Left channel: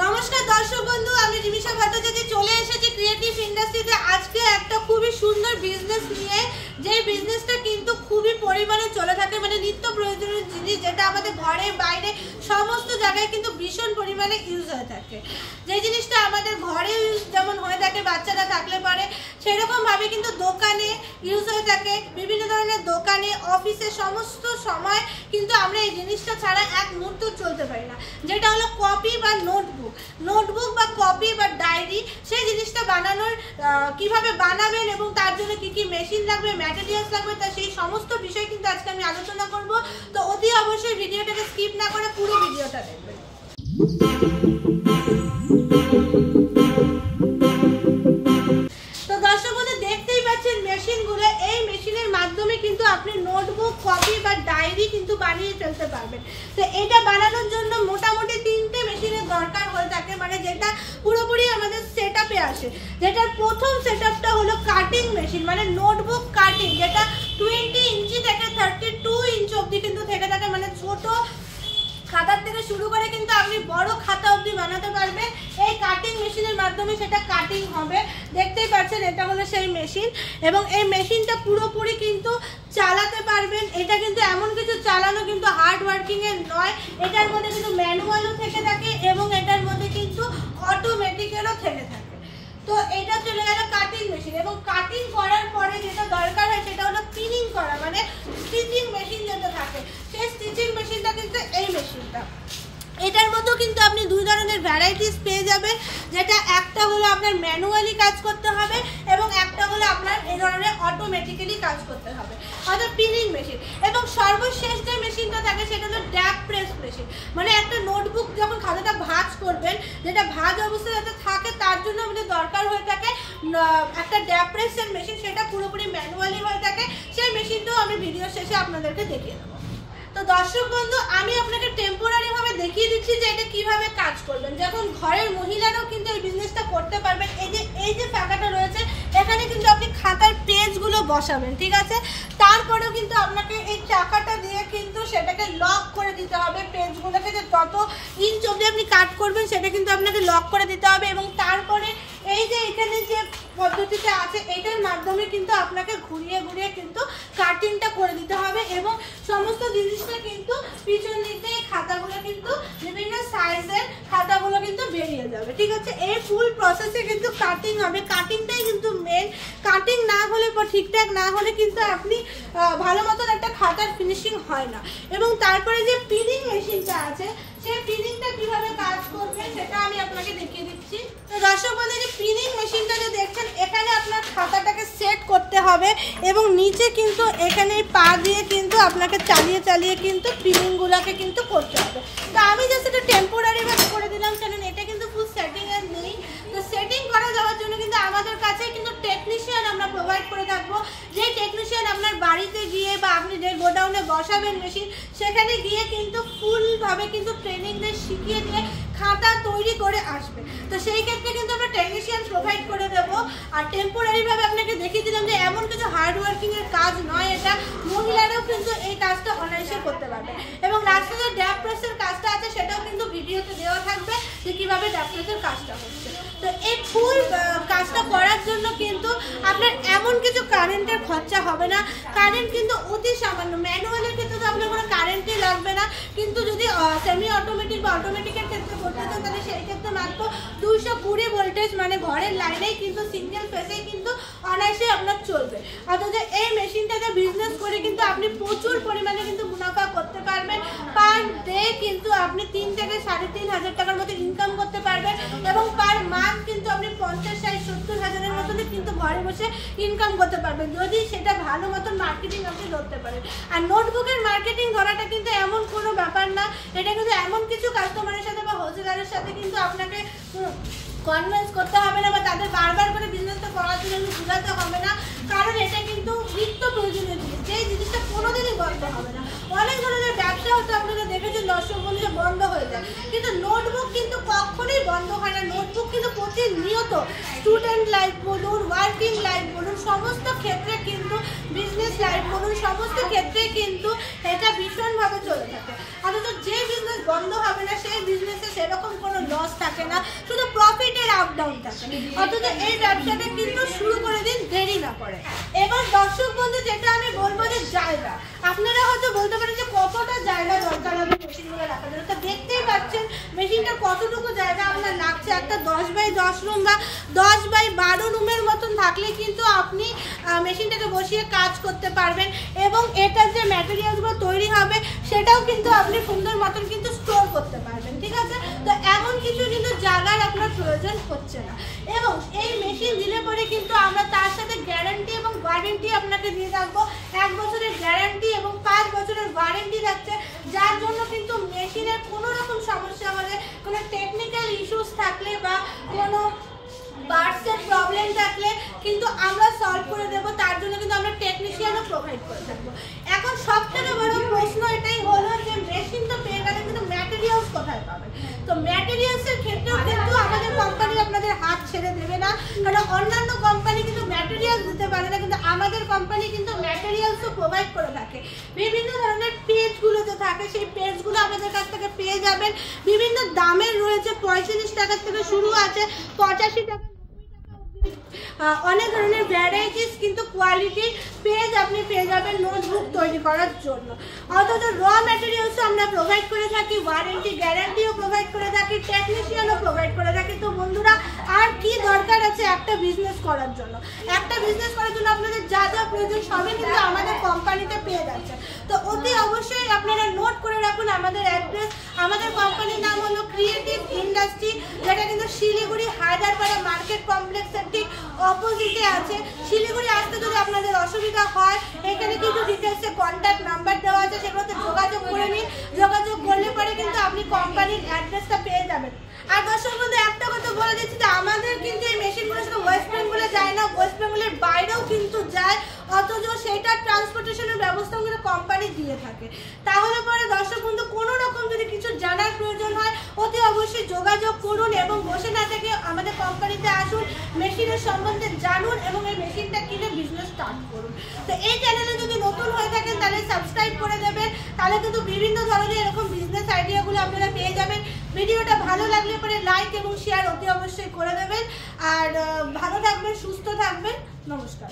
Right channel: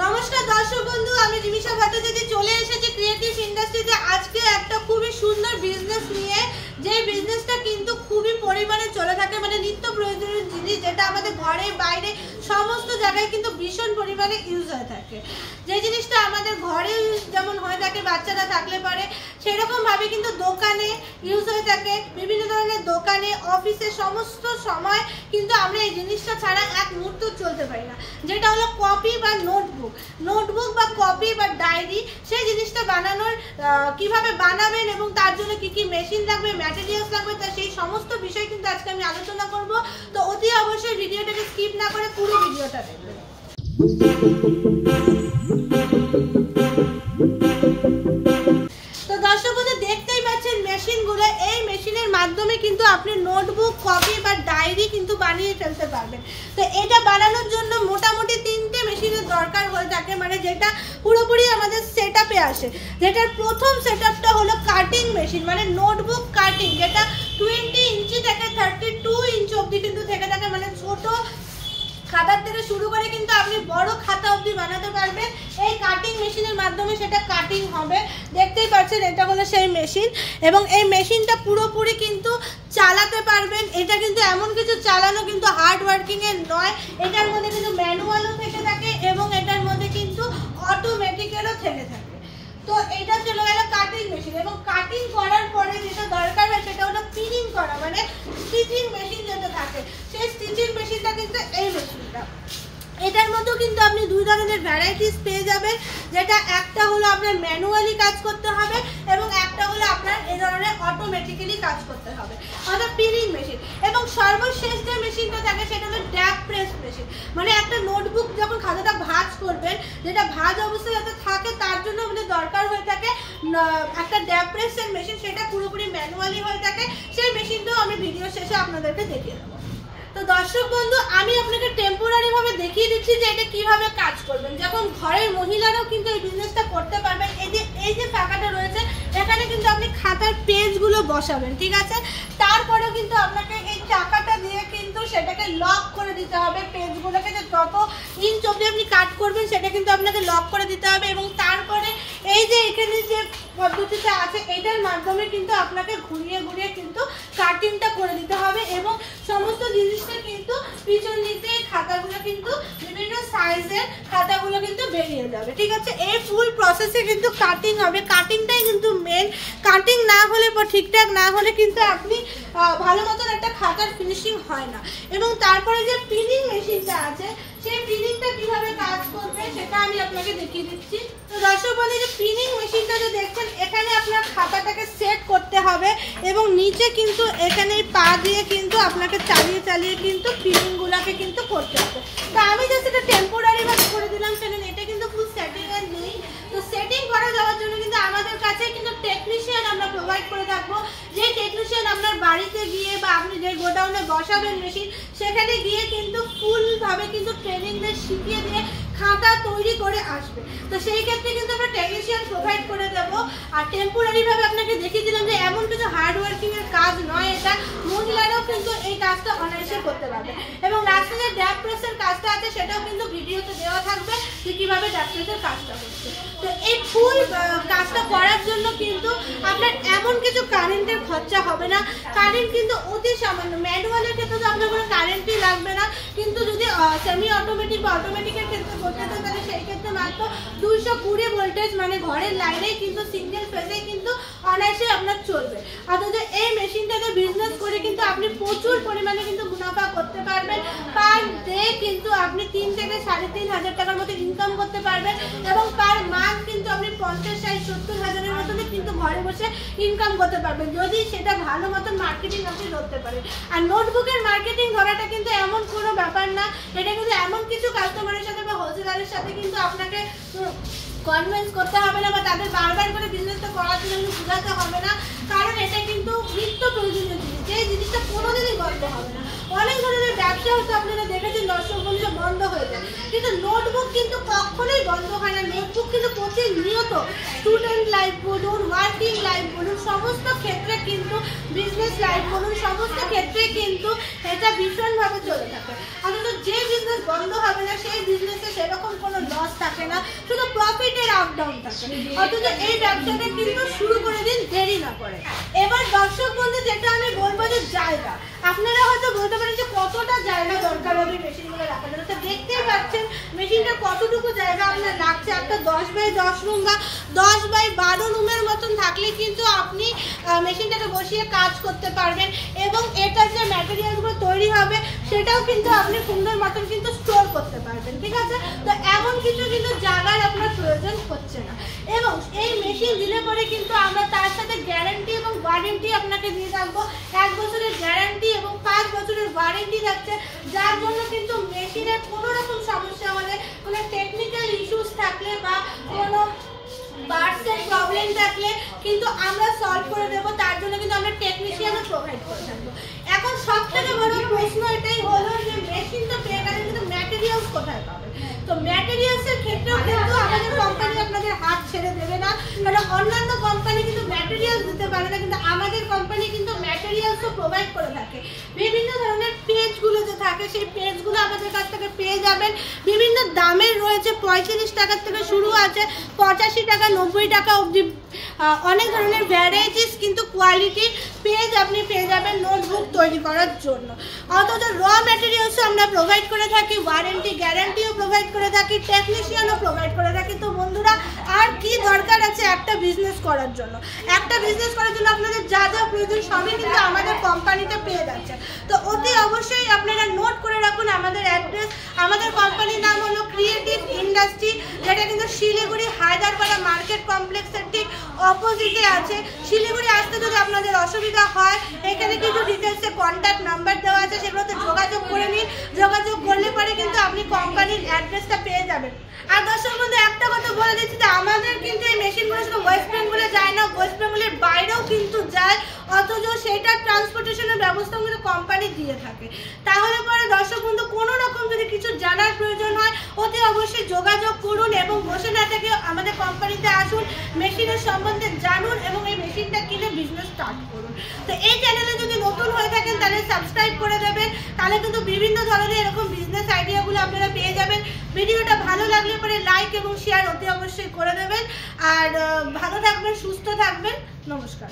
নমস্কার দর্শক বন্ধু, আমি রিমিশা ভট্টাচার্য চলে এসেছি ক্রিয়েটিভ ইন্ডাস্ট্রিতে আজকে একটা খুবই সুন্দর বিজনেস নিয়ে। যে বিজনেসটা কিন্তু খুবই পরিমাণে চলে থাকে, মানে নিত্য প্রয়োজনীয় জিনিস যেটা আমাদের ঘরে বাইরে সমস্ত জায়গায় কিন্তু ভীষণ পরিমাণে ইউজ হয়ে থাকে। যে জিনিসটা আমাদের ঘরে যেমন হয়ে থাকে বাচ্চারা থাকলে পরে, সেরকমভাবে কিন্তু দোকানে ইউজ হয়ে থাকে। বিভিন্ন ধরনের দোকানে, অফিসে সমস্ত সময় কিন্তু আমরা এই জিনিসটা ছাড়া এক মুহূর্ত চলতে পারি না, যেটা হলো কপি বা নোটবুক বা কপি বা ডায়েরি। সেই জিনিসটা বানানোর কিভাবে বানাবেন এবং তার জন্য কি কি মেশিন লাগবে, ম্যাটেরিয়ালস লাগবে, তা সেই সমস্ত বিষয় কিন্তু আজকে আমি আলোচনা করব। তো অতি অবশ্যই ভিডিওটাকে স্কিপ না করে পুরো ভিডিওটা দেখবেন। তো দর্শক বন্ধু দেখতেই পাচ্ছেন মেশিনগুলো, এই মেশিনের মাধ্যমে কিন্তু আপনি নোটবুক, কপি বা ডায়েরি কিন্তু বানিয়ে ফেলতে পারবেন। তো এটা বানানোর জন্য মোটামুটি 3টে মেশিনের দরকার হয়ে থাকে, মানে যেটা পুরোপুরি আমাদের সেটআপে আসে। যেটার প্রথম সেটআপটা হলো কাটিং মেশিন, মানে নোটবুক কাটিং, যেটা 20 ইঞ্চি থেকে 32 ইঞ্চি অবধি কিন্তু থেকে থাকে, মানে ছোট খাতার থেকে শুরু করে কিন্তু আপনি বড় খাতা অবধি বানাতে পারবেন এই কাটিং মেশিনের মাধ্যমে। সেটা কাটিং হবে, দেখতেই পাচ্ছেন এটা হলো সেই মেশিন। এবং এই মেশিনটা পুরোপুরি কিন্তু চালাতে পারবেন। এটা কিন্তু এমন কিছু চালানো কিন্তু হার্ড ওয়ার্কিং এর নয়, এটার মধ্যে কিন্তু ম্যানুয়ালও থেকে থাকে এবং এটার মধ্যে কিন্তু অটোমেটিক্যালও থেকে থাকে। তো এটা চলে গেল কাটিং মেশিন। এবং কাটিং করার পরে যেটা দরকার হয় সেটা হলো পিনিং করা, মানে স্টিচিং মেশিন যেটা থাকে, সেই স্টিচিং মেশিনটা কিন্তু এই মেশিনটা। এটার মধ্যেও কিন্তু আপনি দুই ধরনের ভ্যারাইটিস পেয়ে যাবেন, যেটা একটা হলো আপনার ম্যানুয়ালি কাজ করতে হবে এবং একটা হলো আপনার এই ধরনের অটোমেটিক্যালি কাজ করতে হবে, অর্থাৎ পিনিং মেশিন। এবং সর্বশেষ যে মেশিনটা থাকে সেটা হলো ড্যাপ প্রেস মেশিন, মানে একটা নোটবুক যখন খাতাটা ভাঁজ করবেন, যেটা ভাঁজ অবস্থায় যাতে থাকে তার জন্য আমাদের দরকার হয়ে থাকে একটা ড্যাপ প্রেসের মেশিন। সেটা পুরোপুরি ম্যানুয়ালি হয়ে থাকে, সেই মেশিনটাও আমি ভিডিও শেষে আপনাদেরকে দেখিয়ে দেবো। তো দর্শক বন্ধু, আমি আপনাকে টেম্পোরারি ভাবে দেখিয়ে দিচ্ছি যে এটা কিভাবে কাজ করবেন। যখন ঘরের মহিলারাও কিন্তু এই বিজনেসটা করতে পারবেন। এই যে ফাঁকাটা রয়েছে এখানে কিন্তু আপনি খাতার পেজগুলো বসাবেন, ঠিক আছে। তারপরেও কিন্তু আপনাকে এই চাকাটা দিয়ে কিন্তু সেটাকে লক করে দিতে হবে পেজগুলোকে, যে তত ইঞ্চ অবধি আপনি কাট করবেন সেটা কিন্তু আপনাকে লক করে দিতে হবে। এবং তারপরে এই যে এখানে যে পদ্ধতিটা আছে এটার মাধ্যমে কিন্তু আপনাকে ঘুরিয়ে ঘুরিয়ে কিন্তু কাটিংটা করে দিতে হবে। এবং সমস্ত জিনিসটা কিন্তু পিছন দিতে খাতাগুলো কিন্তু বিভিন্ন সাইজের খাতাগুলো কিন্তু বেরিয়ে যাবে, ঠিক আছে। এই ফুল প্রসেসে কিন্তু কাটিং হবে, কাটিংটাই কিন্তু মেন। কাটিং না হলে বা ঠিকঠাক না হলে কিন্তু আপনি ভালো মতন একটা খাতার ফিনিশিং হয় না। এবং তারপরে যে পিনিং মেশিনটা আছে সেই পিনিংটা কিভাবে কাজ করবে সেটা আমি আপনাকে দেখিয়ে দিচ্ছি। তো দর্শক বন্ধু, যে পিনিং মেশিনটা যে দেখছেন এখানে আপনার খাতাটাকে সেট করতে হবে এবং নিচে কিন্তু এখানে পা দিয়ে কিন্তু আপনাকে চালিয়ে চালিয়ে কিন্তু পিনিংগুলোকে কিন্তু করতে হবে। তো আমি যে সেটা টেম্পোরারি ভাবে করে দিলাম, সেখানে এটা কিন্তু ফুল সেটিং এর নেই। তো সেটিং করা যাওয়ার জন্য কিন্তু আমাদের কাছে কিন্তু টেকনিশিয়ান আমরা প্রোভাইড করে থাকবো। যে টেকনিশিয়ান আপনার বাড়িতে গিয়ে বা আপনি যে গোডাউনে বসাবেন মেশিন, সেখানে গিয়ে কিন্তু ফুলভাবে কিন্তু ট্রেনিং দিয়ে শিখিয়ে দিয়ে খাতা তৈরি করে আসবে। তো সেই ক্ষেত্রে কিন্তু আমরা টেকনিশিয়ান প্রোভাইড করে দেবো। আর টেম্পোরারি ভাবে আপনাকে দেখিয়ে দিলাম যে এমন কিছু হার্ড ওয়ার্কিং এর কাজ নয়, এটা মহিলারাও কিন্তু এই কাজটা অনায়াসে করতে পারবে। এবং লাস্টে যে ড্যাপ প্রেসের কাজটা আছে সেটাও কিন্তু ভিডিওতে দেওয়া থাকবে যে কিভাবে ড্যাপ প্রেসের কাজটা হচ্ছে। তো এই ফুল কাজটা করার জন্য কিন্তু আপনার এমন কিছু কারেন্টের খরচা হবে না, কারেন্ট কিন্তু অতি সামান্য। ম্যানুয়ালের ক্ষেত্রে তো আপনার কোনো কারেন্টই লাগবে না, কিন্তু যদি সেমি অটোমেটিক বা অটোমেটিকের ক্ষেত্রে করতে চান তাহলে সেই ক্ষেত্রে মাত্র 220 ভোল্টেজ, মানে ঘরের লাইনেই কিন্তু সিঙ্গেল ফেজেই কিন্তু অনায়াসে আপনার চলবে। অথচ এই মেশিনটাতে বিজনেস করে কিন্তু আপনি প্রচুর পরিমাণে কিন্তু মুনাফা করতে পারবেন। পার ডে কিন্তু আপনি 3 থেকে 3,500 টাকার মতো ইনকাম করতে পারবেন। এবং পার মান্থ কিন্তু আপনি 50, 60, 70 হাজারের মতো কিন্তু ঘরে বসে ইনকাম করতে পারবেন, যদি সেটা ভালো মতন মার্কেটিং আপনি ধরতে পারেন। আর নোটবুকের মার্কেটিং ধরাটা কিন্তু এমন কোনো ব্যাপার না, এটা কিন্তু এমন কিছু কাস্টমারের সাথে বা হোলসেলারের সাথে কিন্তু আপনাকে কনভিন্স করতে হবে না বা তাদের বারবার করে বিজনেসটা করার জন্য বোঝাতে হবে না, কারণ এটা কিন্তু নিত্য প্রয়োজনীয় জিনিস, যে জিনিসটা কোনোদিনই বন্ধ হবে না। অনেক ধরনের ব্যবসা হতো আপনারা দেখেছেন দর্শক বন্ধুরা বন্ধ হয়ে যায়, কিন্তু নোটবুক কিন্তু কখনোই বন্ধ হয় না। নোটবুক কিন্তু প্রতিনিয়ত স্টুডেন্ট লাইফ বলুন, ওয়ার্কিং লাইফ বলুন, সমস্ত ক্ষেত্রে কিন্তু বিজনেস লাইফ বলুন, সমস্ত ক্ষেত্রে কিন্তু এটা ভীষণভাবে চলে থাকে। অথচ যে বিজনেস বন্ধ হবে না, সেই বিজনেসে সেরকম কোনো লস থাকে না, শুধু প্রফিটের আপ ডাউন থাকে। অথচ এই ব্যবসাটা কিন্তু শুরু করে দিন দেরি না করে। এবার দর্শক বন্ধু যেটা আমি বলবো যে জায়গা, আপনারা হয়তো বলতে পারেন যে কতটা জায়গা দরকার হবে মেশিনটা রাখার জন্য। তো দেখতেই পাচ্ছেন মেশিনটা কতটুকু জায়গা আপনার লাগছে। একটা 10x10 রুম বা 10x12 রুমের মতন থাকলে কিন্তু আপনি মেশিনটাকে বসিয়ে কাজ করতে পারবেন, এবং এটা যে ম্যাটেরিয়ালগুলো তৈরি হবে সেটাও কিন্তু আপনি সুন্দর মতন কিন্তু স্টোর করতে পারবেন, ঠিক আছে। তো এমন কিছু কিন্তু জায়গার আপনার প্রয়োজন হচ্ছে না। এবং এই মেশিন দিলে পরে কিন্তু আমরা তার সাথে গ্যারান্টি এবং ওয়ারেন্টি আপনাকে দিয়ে থাকবো। 1 বছরের গ্যারান্টি এবং 5 বছরের ওয়ারেন্টি থাকছে, যার জন্য কিন্তু মেশিনের কোনো রকম সমস্যা হলে, কোনো টেকনিক্যাল ইস্যুস থাকলে বা কোনো পার্টসের প্রবলেম থাকলে কিন্তু আমরা সলভ করে দেবো। তার জন্য কিন্তু আমরা টেকনিশিয়ানও প্রোভাইড করে থাকবো। এখন সব থেকে বড় প্রশ্ন এটাই হলো যে মেশিন তো পেয়ে গেলেন, কিন্তু ম্যাটেরিয়ালস কোথায় পাবেন? তো ম্যাটেরিয়ালসের ক্ষেত্রেও কিন্তু আমাদের কোম্পানি আপনাদের হাত ছেড়ে দেবে না, কারণ অন্যান্য কোম্পানি কিন্তু ম্যাটেরিয়ালস দিতে পারে না, কিন্তু আমাদের কোম্পানি কিন্তু ম্যাটেরিয়ালসও প্রোভাইড করে থাকে। বিভিন্ন ধরনের পেজগুলো যে থাকে সেই পেজগুলো আমাদের কাছ থেকে পেয়ে যাবেন। বিভিন্ন দামের রয়েছে, 45 টাকা থেকে শুরু আছে, 85 টাকা, 90 টাকা অবধি অনেক ধরনের ভ্যারাইটিস কিন্তু কোয়ালিটির পেজ আপনি পেয়ে যাবেন নোটবুক তৈরি করার জন্য। অথচ র ম্যাটেরিয়ালসও আমরা প্রোভাইড করে থাকি, ওয়ারেন্টি গ্যারান্টিও প্রোভাইড করে থাকি, টেকনিশিয়ানও প্রোভাইড করে থাকি। তো বন্ধুরা আর কি দরকার আছে একটা বিজনেস করার জন্য? একটা বিজনেস করার জন্য আপনাদের যা যা প্রয়োজন সবই কিন্তু আমাদের কোম্পানিতে পেয়ে যাচ্ছে। তো অতি অবশ্যই আপনারা নোট করে রাখুন আমাদের অ্যাড্রেস। আমাদের কোম্পানির নাম হলো ক্রিয়েটিভ ইন্ডাস্ট্রি, যেটা কিন্তু শিলিগুড়ি হায়দারপাড়া মার্কেট কমপ্লেক্সের ঠিক অপোজিটে আছে। শিলিগুড়ি আসতে যদি আপনাদের অসুবিধা হয়, এখানে কিছু ডিটেলসে কন্ট্যাক্ট নাম্বার দেওয়া আছে, সেগুলোতে যোগাযোগ করে নিন। যোগাযোগ করলে পরে কিন্তু আপনি কোম্পানির অ্যাড্রেসটা পেয়ে যাবেন। আর দর্শক বন্ধু একটা কথা বলে দিচ্ছি যে আমাদের কিন্তু এই মেশিনগুলো শুধু ওয়েস্ট বেঙ্গলে যায় না, ওয়েস্ট বেঙ্গলের বাইরেও কিন্তু যায়, অথচ সেটার ট্রান্সপোর্টেশনের ব্যবস্থাও কিন্তু কোম্পানি দিয়ে থাকে। তাহলে পরে দর্শক বন্ধু কোনো রকম যদি কিছু জানার প্রয়োজন হয় অতি অবশ্যই যোগাযোগ করুন, এবং বসে না থেকে আমাদের কোম্পানিতে আসুন, মেশিনের সম্বন্ধে জানুন এবং এই মেশিনটা কিনে বিজনেস স্টার্ট করুন। তো এই চ্যানেলে যদি নতুন হয়ে থাকেন তাহলে সাবস্ক্রাইব করে দেবেন, তাহলে কিন্তু বিভিন্ন ধরনের এরকম বিজনেস আইডিয়াগুলো আপনারা পেয়ে যাবেন। ভিডিওটা ভালো লাগলে পরে লাইক এবং শেয়ার অতি অবশ্যই করে দেবেন। আর ভালো থাকবেন, সুস্থ থাকবেন। নমস্কার।